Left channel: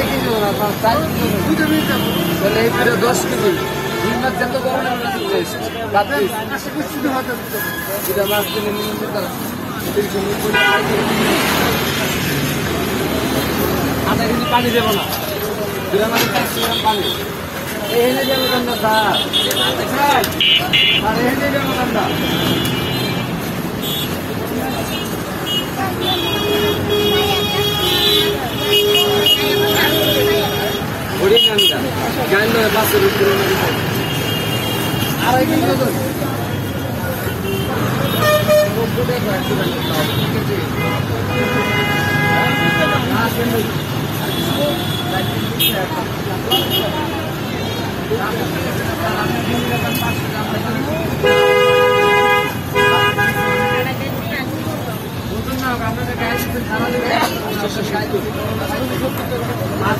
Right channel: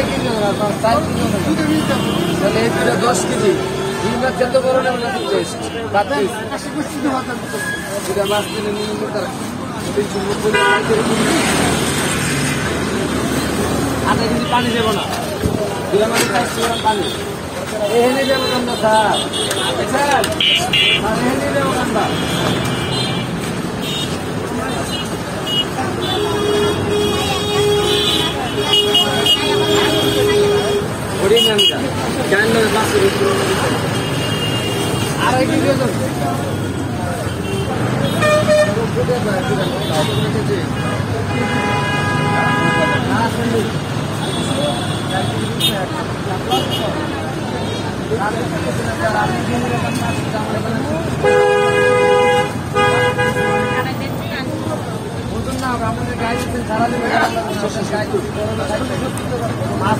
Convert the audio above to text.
আড়াই কেজি হবে না, 4 কেজি হবে। তাহলে এই দুটো 10 কেজি। দুই মাছ যত বড় না তত টেস্ট। বাদ দিস। দুটা মাছ কিনে নিয়ে যেতে আধা কেজি পানি দেবো না। দুটা মাছ 400 গ্রাম পানি। এখানে যাবো কান্দা স্যার। স্যার এখানে যাবো কান্দা। ওরে নামটা জানলো বাসের উপরে আড়াই কেজি ওজন। মাছ